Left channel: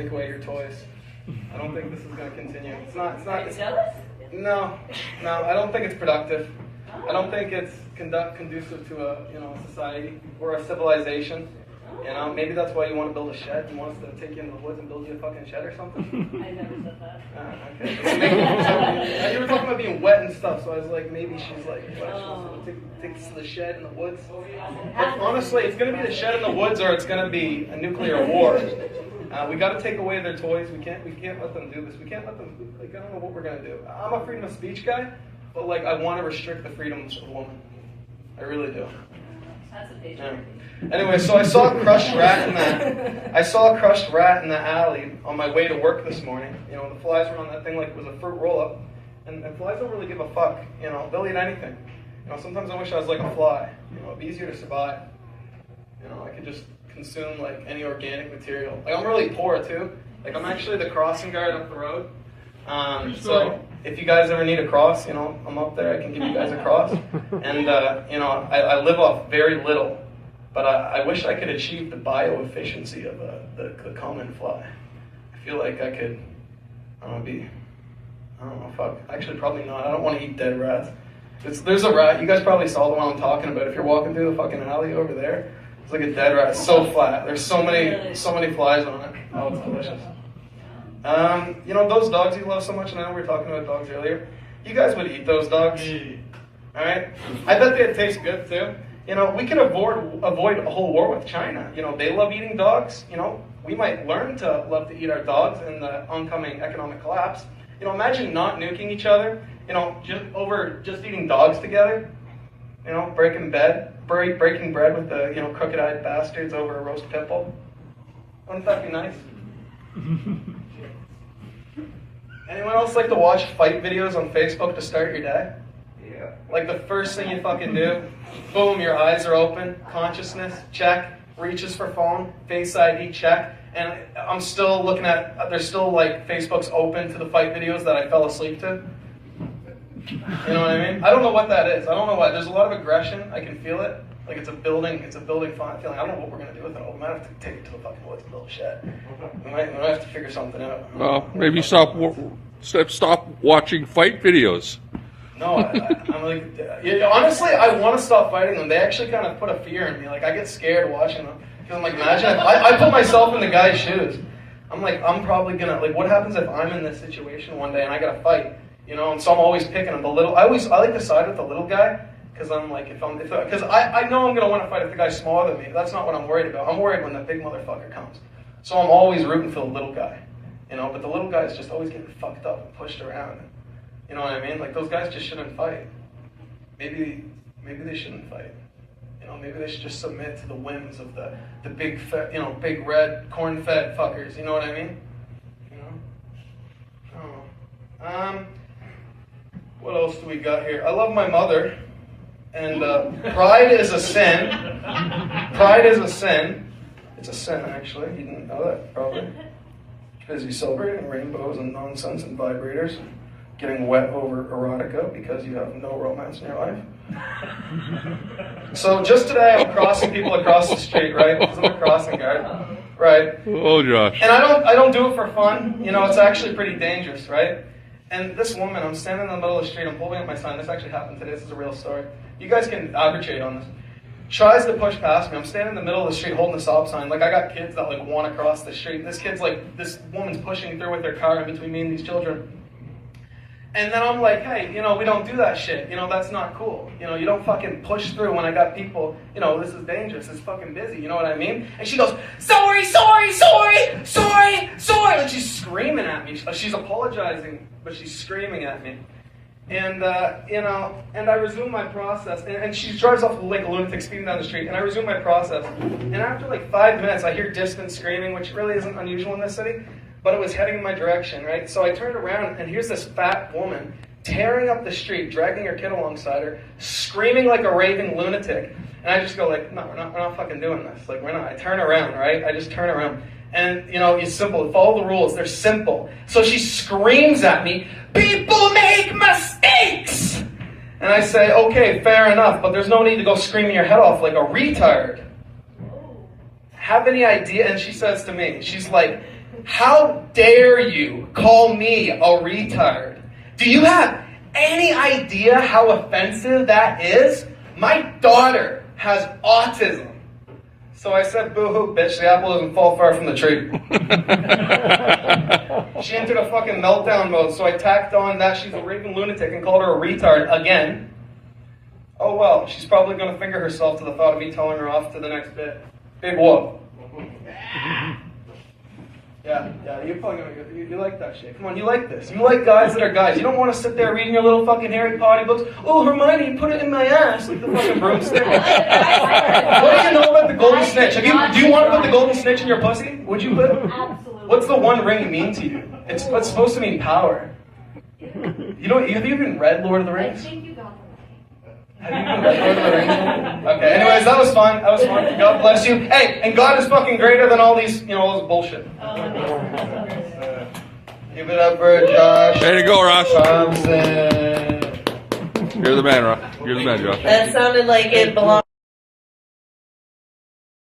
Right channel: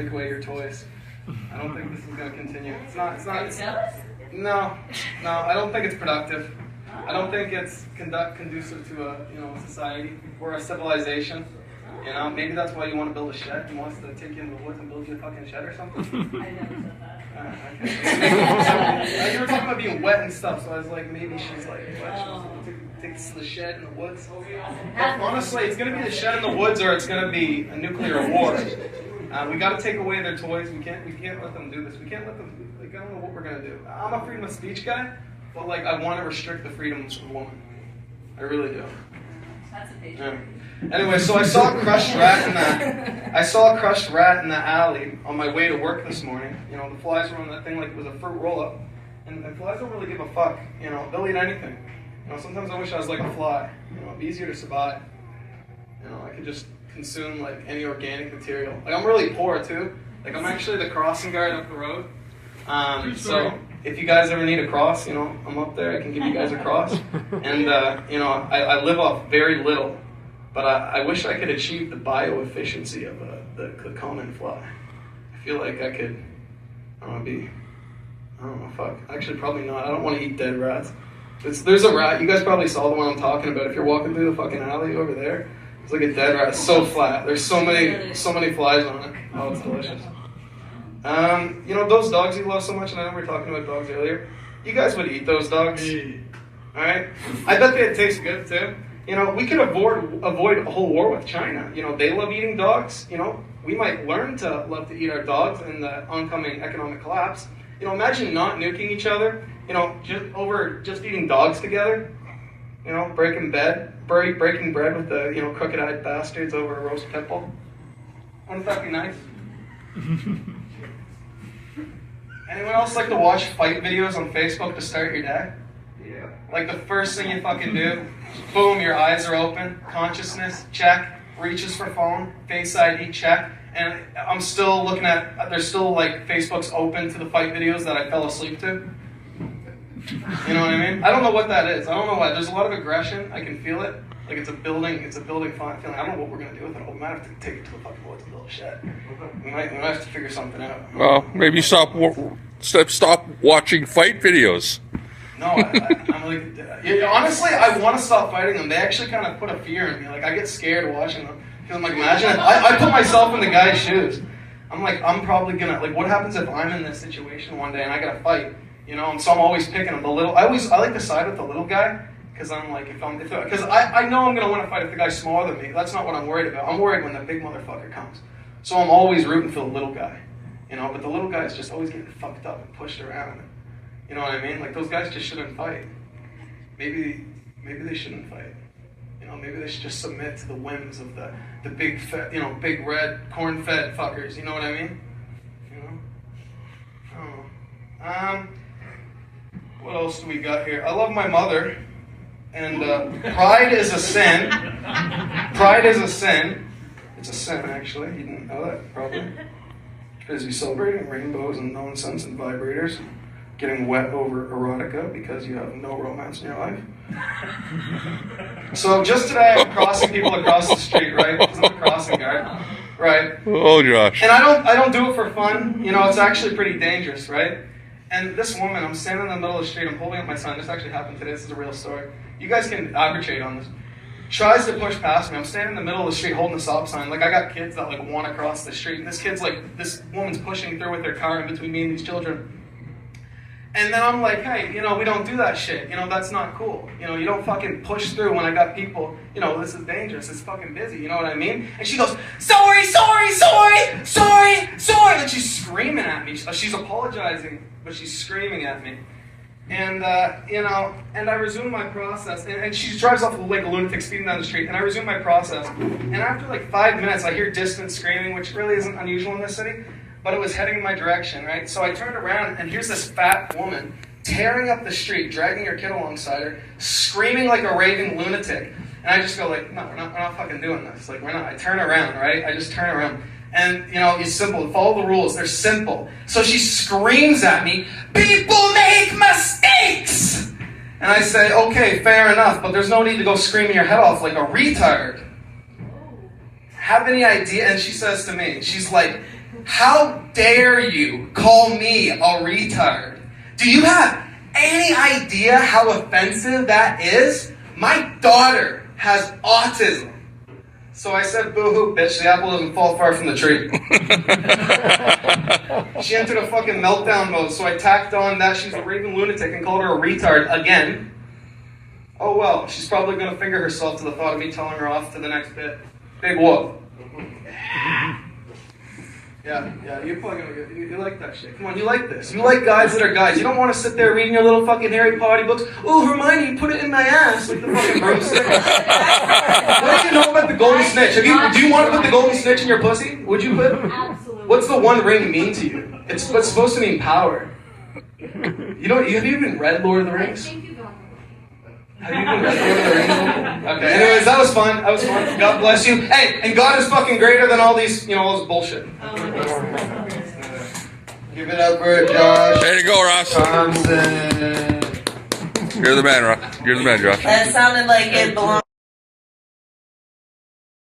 Take away your toys. I don't think this is going to continue. It's not. No, I don't think it's productive. I don't think it's conducive to a society. We're a civilization. Maybe that's why you want to build a shed. He wants to take you into the woods and build you a fucking shed or something. I never said that. So, you were talking about being wet and stuff, so I was like, maybe she's like, what, she wants to take us to the shed in the woods. But honestly, it's going to be the shed in the woods, or it's going to be a nuclear war. We got to take away their toys. We can't let them do this. We can't let them. Like, I don't know what we're going to do. I'm a freedom of speech guy, but like, I want to restrict the freedoms of a woman. I really do. That's a big Anyway, so I saw a crushed rat in the alley on my way to work this morning. The flies were on that thing like it was a fruit roll-up, and flies don't really give a fuck. They'll eat anything. Sometimes I wish I was like a fly. It'd be easier to survive. I could just consume like any organic material. Like I'm really poor too. Like I'm actually the crossing guard up the road. So if you guys ever need a cross, I'm up there. I can give you guys a cross. And I live off very little. But I wish I could achieve the bioefficiency of the common fly. I feel like I could, actually probably not. I don't want to eat dead rats. There's a rat, you guys probably saw the one I'm talking about. If you're walking through the fucking alley over there, it's like a dead rat, it's so flat. There's so many flies on it. Oh, it's delicious. Those dogs you love so much, and I know we were talking about dogs earlier, you guys would eat those dogs, alright? I bet they'd taste good too. We could avoid a whole war with China. They love eating dogs. We might learn to love to eat our dogs in the oncoming economic collapse. Imagine not nuking each other, just eating dogs together. Breaking bread with the, crooked-eyed bastards over a roast pit bull. Wouldn't that be nice? Anyone else like to watch fight videos on Facebook to start your day? Yeah. Like the first thing you fucking do, boom, your eyes are open, consciousness, check, reaches for phone, Face ID, check, and I'm still looking at, there's still like Facebook's open to the fight videos that I fell asleep to. You know what I mean? I don't know what that is. I don't know why. There's a lot of aggression. I can feel it. Like it's a building feeling. I don't know what we're going to do with it. We might have to take it to the fucking woods and build a shed. We might have to figure something out. Well, maybe stop watching fight videos. No, I'm like, honestly, I want to stop fighting them. They actually kind of put a fear in me. Like, I get scared watching them. Because I'm like, imagine if I put myself in the guy's shoes. I'm like, I'm probably going to, like, what happens if I'm in this situation one day and I got to fight? And so I'm always picking him. I like to side with the little guy. Because I'm like, because I know I'm going to want to fight if the guy's smaller than me. That's not what I'm worried about. I'm worried when the big motherfucker comes. So I'm always rooting for the little guy. But the little guy's just always getting fucked up and pushed around. You know what I mean? Like, those guys just shouldn't fight. Maybe they shouldn't fight. Maybe they should just submit to the whims of the big fat, big red corn-fed fuckers. You know what I mean? I don't know. What else do we got here? I love my mother, and pride is a sin. Pride is a sin. It's a sin, actually. You didn't know that, probably. Busy celebrating rainbows and nonsense and vibrators. Getting wet over erotica because you have no romance in your life. So just today I'm crossing people across the street, right? Because I'm a crossing guard, right? Oh, Josh. And I don't do it for fun. It's actually pretty dangerous, right? And this woman, I'm standing in the middle of the street, I'm holding up my sign. This actually happened today. This is a real story. You guys can arbitrate on this. Tries to push past me. I'm standing in the middle of the street holding a stop sign. Like, I got kids that like want to cross the street. And this woman's pushing through with their car in between me and these children. And then I'm like, hey, we don't do that shit. That's not cool. You don't fucking push through when I got people, this is dangerous. It's fucking busy. You know what I mean? And she goes, sorry. Like, she's screaming at me. She's apologizing, but she's screaming at me. And, and I resume my process. And she drives off like a lunatic speeding down the street. And I resume my process. And after like 5 minutes, I hear distant screaming, which really isn't unusual in this city. But it was heading in my direction, right? So I turned around, and here's this fat woman tearing up the street, dragging her kid alongside her, screaming like a raving lunatic. And I just go like, no, we're not fucking doing this. Like, we're not. I turn around, right? I just turn around. And, it's simple. Follow the rules. They're simple. So she screams at me, people make mistakes! And I say, okay, fair enough, but there's no need to go screaming your head off like a retard. Have any idea? And she says to me, she's like, How dare you call me a retard? Do you have any idea how offensive that is? My daughter has autism. So I said, boo-hoo, bitch, the apple doesn't fall far from the tree. She entered a fucking meltdown mode, so I tacked on that she's a raving lunatic and called her a retard again. Oh well, she's probably gonna finger herself to the thought of me telling her off to the next bit. Big whoop. Yeah, you're probably gonna get, you like that shit. Come on, you like this. You like guys that are guys. You don't want to sit there reading your little fucking Harry Potter books. Oh, Hermione, put it in my ass with the fucking broomstick. What do you know about the golden snitch? Do you want to put the golden snitch in your pussy? Would you put? Absolutely. What's the one ring mean to you? It's supposed to mean power. You know? Have you even read Lord of the I Rings? think you got Have you even read Lord of the Rings? Okay. Anyways, that was fun. That was fun. God bless you. Hey, and God is fucking greater than all these, all this bullshit. Give it up for Josh. There you go, Ross. Thompson. You're the man, Ross. You're the man, Josh. That sounded like it belonged.